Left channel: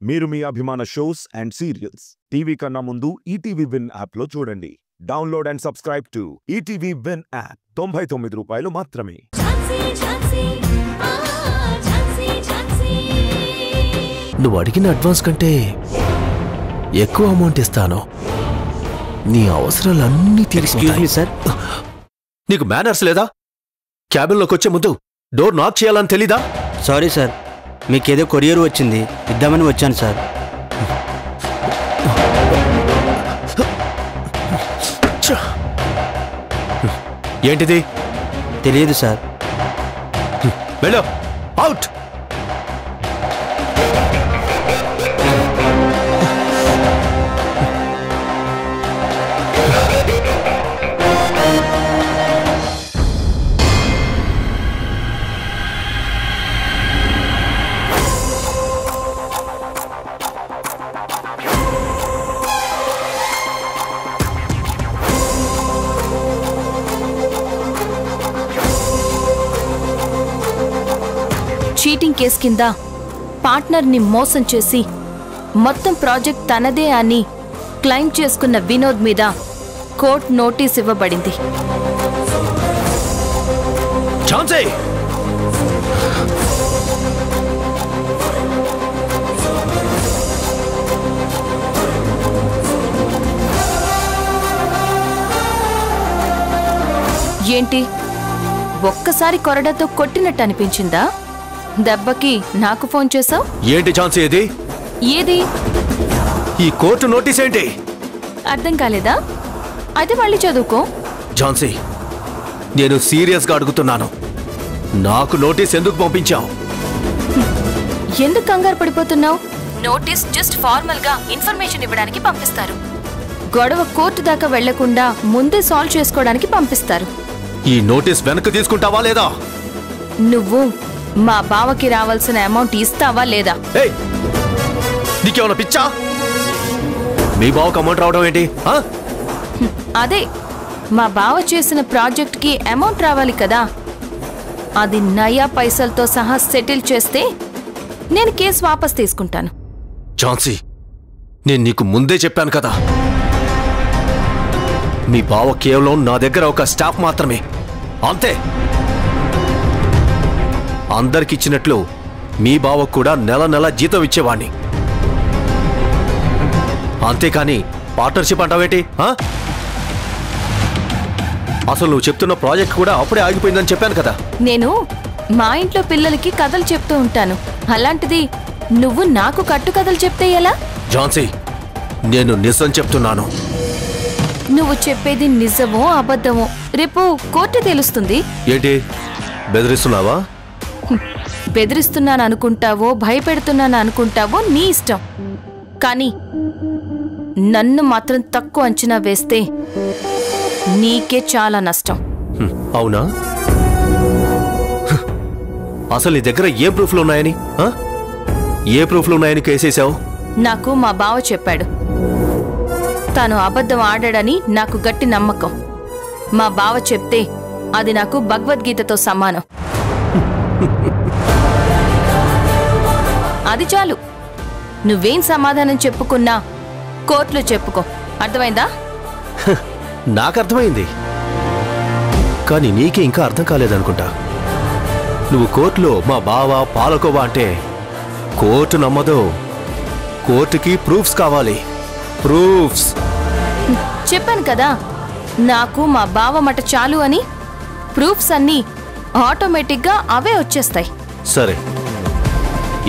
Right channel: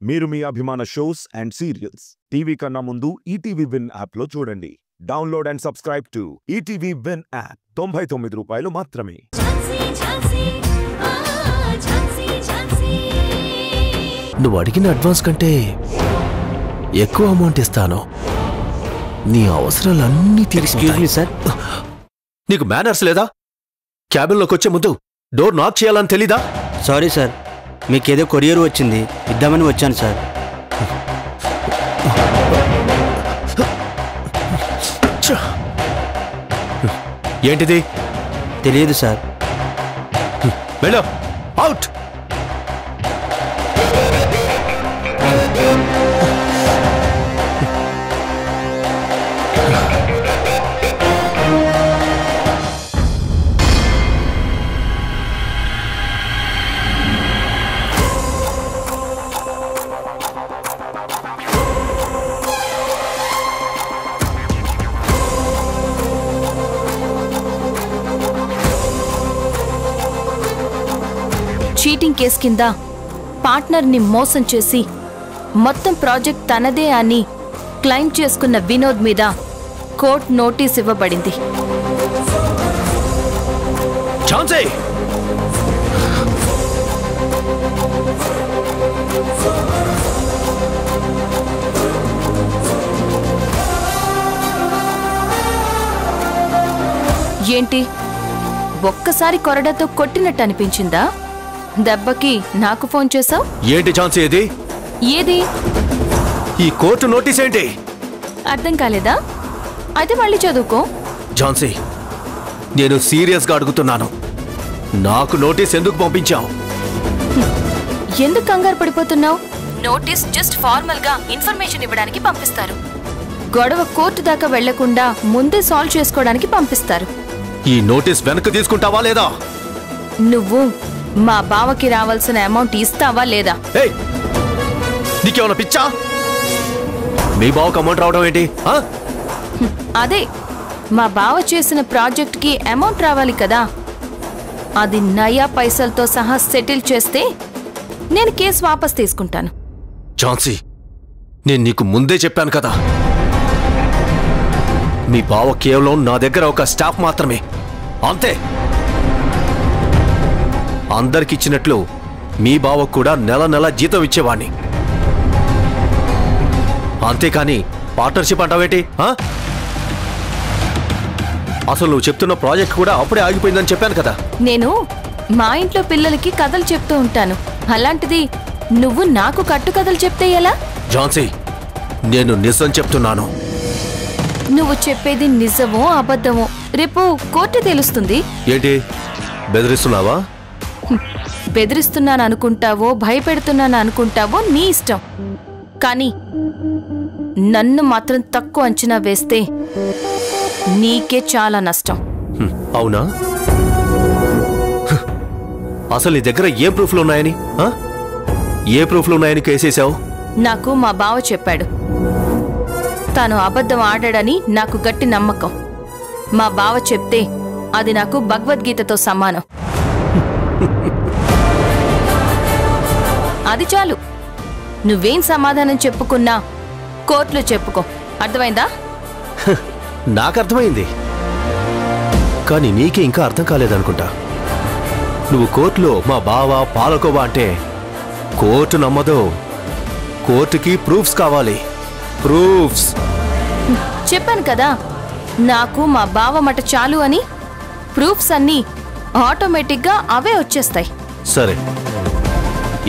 మీరు మీ అభిమాన shows and serials TV కన్నా ముందు ఈటీవీ విన్ యాప్ లో చూడండి. Download and subscribe to ETV win app. 99 రూపాయలు మాత్రమే. నువ్వు అడిగిన అడ్వాన్స్ కంటే ఎక్కువ అమౌంట్ ఇస్తాను. నీ అవసరాలన్నీ తీర్చుకుంటాను. సార్, నీకు మేనర్స్ లేదా? క్యాబిన్లోకి వచ్చే ముందు డోర్ నాక్ చేయాలని తెలీదా? సారీ సార్, మీకేదో కొరియర్ వచ్చింది ఇద్దామని వచ్చాను సార్. ఏంటిది? తెలియదు సార్. వెళ్ళు, అవుట్. చీటింగ్ కేసు కింద పార్ట్నర్ని మోసం చేసి మొత్తం ప్రాజెక్ట్ తనదే అని క్లెయిమ్ చేసుకున్న వినోద్ మీద కోర్టు నోటీస్ ఇవ్వబడింది. ఝాన్సీ, ఏంటి, ఒక్కసారి కొరడాతో కొట్టినట్టు అనిపించిందా? దెబ్బకి నాకు ఫోన్ చేసావు ఏంటి ఝాన్సీ ఇది? ఏది? ఈ కోర్టు నోటీస్ ఏంటి? అర్థం కాలేదా? అయితే మళ్ళీ చదువుకో. ఝాన్సీ, నేను సీరియస్గా అడుగుతున్నాను. నాకు నోటీస్ ఎందుకు పంపించావు? ఎందుకు కంగారు పడిపోతున్నావు? నోటీస్ జస్ట్ ఫార్మల్ గా ఇన్ఫర్మేషన్ ఇవ్వడానికి పంపిస్తారు. గొడవ కోర్టు దాకా వెళ్లకుండా ముందే సాల్వ్ చేసుకోవడానికి పంపిస్తారు. ఈ నోటీస్ వెనక్కి తీసుకుంటావా లేదా? నువ్వు మా బావకి రావాల్సిన అమౌంట్ ఇస్తావా లేదా? నీకేమన్నా పిచ్చా? మీ బావకు అమౌంట్ రావడం ఏంటి? అదే, మా బావ చేసిన ప్రాజెక్ట్ కి అమౌంట్ రావాలి కదా. అది నయా పైసలతో సహా సెటిల్ చేస్తే నేను కేసు వాపస్ తీసుకుంటాను. ఝాన్సీ, నేను నీకు ముందే చెప్పాను కదా, మీ బావ కేవలం నా దగ్గర ఒక స్టాఫ్ మాత్రమే, అంతే. అందరికిచ్చినట్లు మీ బావకు కూడా నెల నెల జీతం ఇచ్చేవాణ్ణి. అంతేకాని పార్ట్నర్షిప్ అంటావేంటి? అసలు నువ్వు చెప్తున్న ప్రాజెక్ట్ కూడా అప్పుడే ఆగిపోయిందని చెప్పాను కదా. నేను మా ఇంట్లో పిల్లలకి కథలు చెప్తూ ఉంటాను, అలాంటిది నువ్వు నాకు కట్టుకథలు చెప్తే ఎలా? ఝాన్సీ, నేను నిజం చెప్తున్నాను. నువ్వు చెప్పేది నిజమో అబద్ధమో రేపు కోర్టు తెలుస్తుంది. ఏంటి, బెదిరిస్తున్నావా? బెదిరిస్తున్నాను అనుకుంటావో భయపెడుతున్నాను అనుకుంటావో నీ ఇష్టం, కానీ నన్ను మాత్రం తక్కువ అంచనా వేస్తే నీకే చాలా నష్టం. అవునా? అసలు నీ దగ్గర ఏ ప్రూఫ్లు ఉన్నాయని ఏ ప్రూఫ్లు ఉన్నాయని కేసేశావు? నాకు మా బావ చెప్పాడు. తాను అబద్ధం ఆడాడని నాకు గట్టి నమ్మకం. మా బావ చెప్తే అది నాకు భగవద్గీతతో సమానం. అది చాలు. నువ్వేం సమాధానం చెప్పుకున్నా కోర్టులో చెప్పుకో, అర్థమైందా? నాకు అర్థమైంది, కానీ నీకే ఇంకా అర్థం కాలేదనుకుంటా. నువ్వు కోర్టులో మా బావ పాలకోవా అంటే కోర్టు నమ్మదు. కోర్టుకి ప్రూఫ్స్ కావాలి, ప్రూఫ్స్. చెప్పాను కదా, నాకు మా బావ మాట చాలు అని. ప్రూఫ్స్ అన్నీ ఆటోమేటిక్గా అవే వచ్చేస్తాయి. సరే,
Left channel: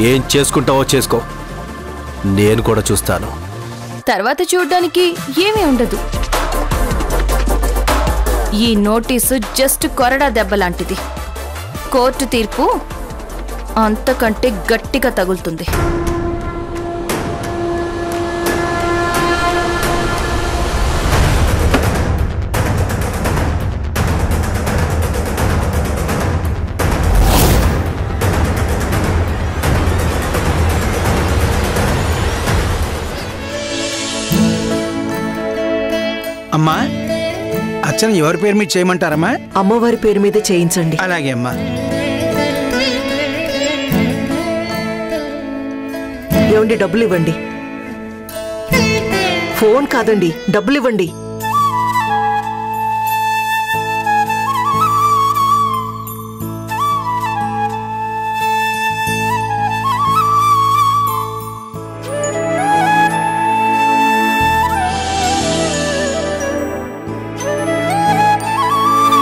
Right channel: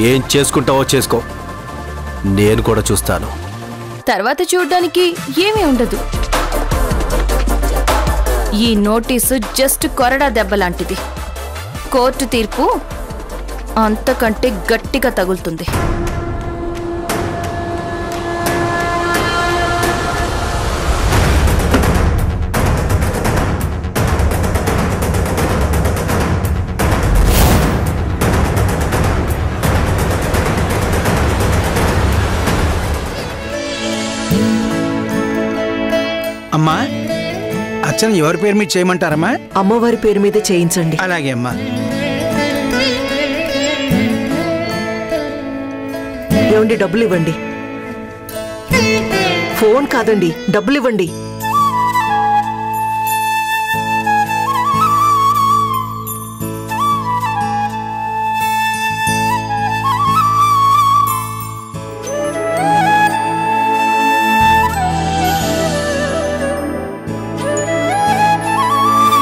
ఏం చేసుకుంటావో చేసుకో, నేను కూడా చూస్తాను. తర్వాత చూడ్డానికి ఏమీ ఉండదు. ఈ నోటీసు జస్ట్ కొరడా దెబ్బ లాంటిది. కోర్టు తీర్పు అంతకంటే గట్టిగా తగులుతుంది. అమ్మా, అర్చన ఎవరి పేరు మీద చేయమంటారమ్మా? అమ్మవారి పేరు మీద చేయించండి. అలాగే అమ్మా. ఏమండి, డబ్బులు ఇవ్వండి. ఫోన్ కాదండి, డబ్బులు ఇవ్వండి.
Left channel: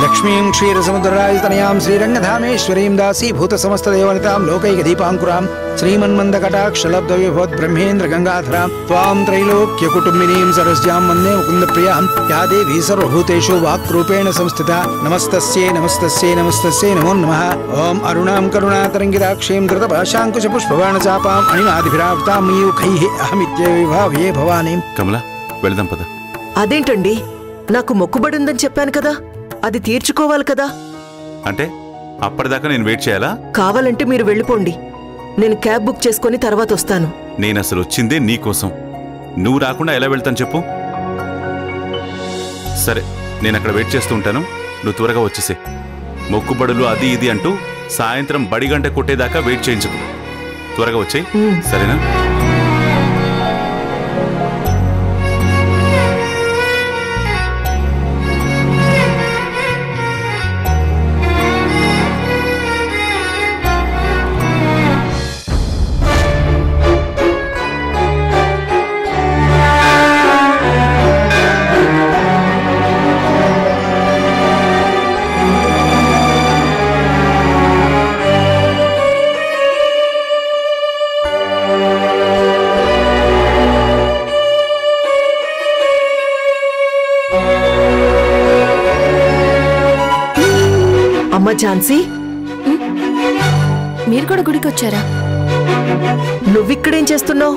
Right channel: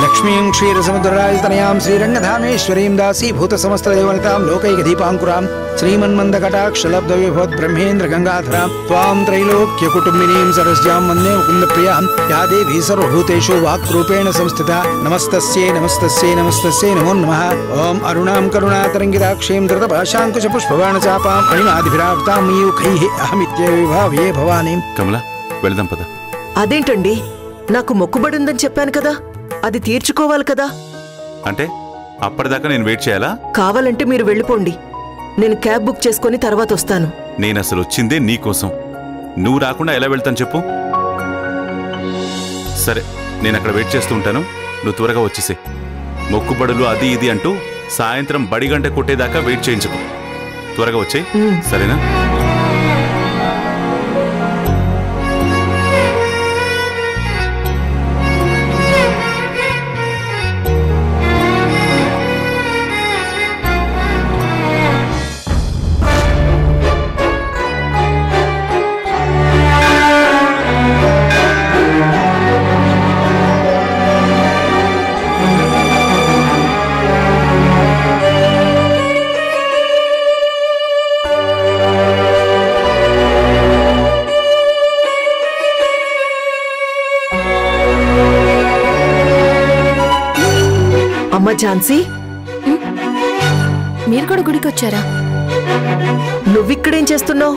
లక్ష్మీం క్షీరసముద్రరాజతనయాం శ్రీరంగధామేశ్వరీం దాసీభూత సమస్తదేవనితాం లోకైకదీపాంకురాం శ్రీమన్మందకటాక్షలబ్ధవిభవత్ బ్రహ్మేంద్ర గంగాధరాం త్వాం త్రైలోక్యకుటుంబినీం సరస్యాం వందే ముకుందప్రియాం యా దేవీ సర్వభూతేషు వాక్రూపేణ సంస్థిత నమస్తస్యై నమస్తస్యై నమస్తస్యై నమో నమః. ఓం అరుణాం కరుణాతరంగితాక్షీం ధృతపాశాంకుశపుష్పబాణచాపాం అణిమాదిభిరావృతాం మయూఖైః అహమిత్యవిభావ్యే భవానీం. కమల వెళదాం పద. అదేంటండి, నాకు మొక్కుబడుందని చెప్పాను కదా, అది తీర్చుకోవాలి కదా. అంటే అప్పటిదాకా నేను వెయిట్ చేయాలా? కావాలంటే మీరు వెళ్ళిపోండి, నేను క్యాబ్ బుక్ చేసుకుని తర్వాత వస్తాను. నేను అసలు వచ్చిందే నీకోసం. నువ్వు రాకుండా ఎలా వెళ్తాను చెప్పు? సరే, నేను అక్కడ వెయిట్ చేస్తూ ఉంటాను, నువ్వు త్వరగా వచ్చేసే. మొక్కుబడులు అది ఇది అంటూ సాయంత్రం బడిగంట కొట్టేదాకా వెయిట్ చేయించకు. త్వరగా వచ్చేయి, సరేనా? అమ్మ ఝాన్సీ, మీరు కూడా గుడికి వచ్చారా? నువ్విక్కడేం చేస్తున్నావు?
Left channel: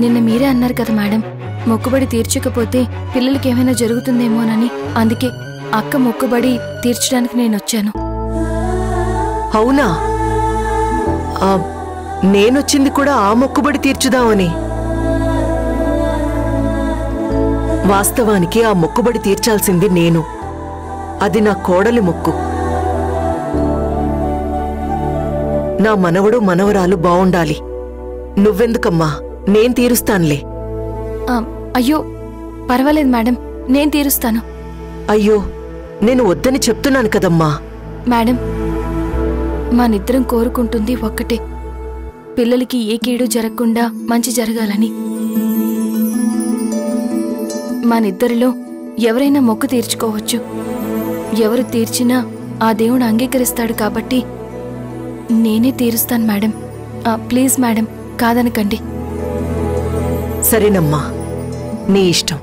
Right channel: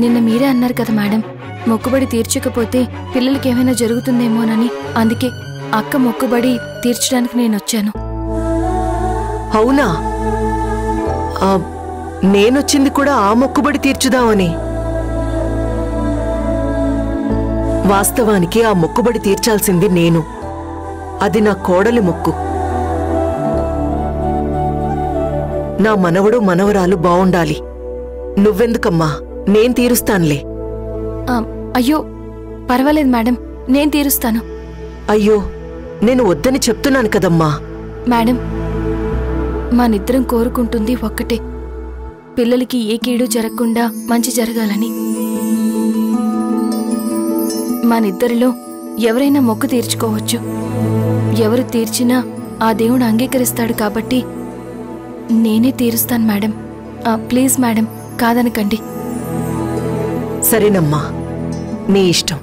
నిన్న మీరే అన్నారు కదా మేడం, మొక్కుబడి తీర్చకపోతే పిల్లలకి ఏమైనా జరుగుతుందేమోనని. అందుకే అక్క మొక్కుబడి తీర్చడానికి నేను వచ్చాను. అవునా? నేనొచ్చింది కూడా ఆ మొక్కుబడి తీర్చుదామని. వాస్తవానికి ఆ మొక్కుబడి తీర్చాల్సింది నేను. అది నా కోడలి మొక్కు. నా మనవడు మనవరాలు బావుండాలి. నువ్వెందుకమ్మా, నేను తీరుస్తానులే. అయ్యో పర్వాలేదు మేడం, నేను తీరుస్తాను. అయ్యో, నేను వద్దని చెప్తున్నాను కదమ్మా. మేడం, మనిద్దరం కోరుకుంటుంది ఒక్కటే, పిల్లలకి ఏ కీడు జరగకుండా మంచి జరగాలని. మనిద్దరిలో ఎవరైనా మొక్కు తీర్చుకోవచ్చు. ఎవరు తీర్చినా ఆ దేవుడు అంగీకరిస్తాడు కాబట్టి నేనే తీరుస్తాను మేడం. Please madam, కాదనకండి. సరేనమ్మా, నీ ఇష్టం.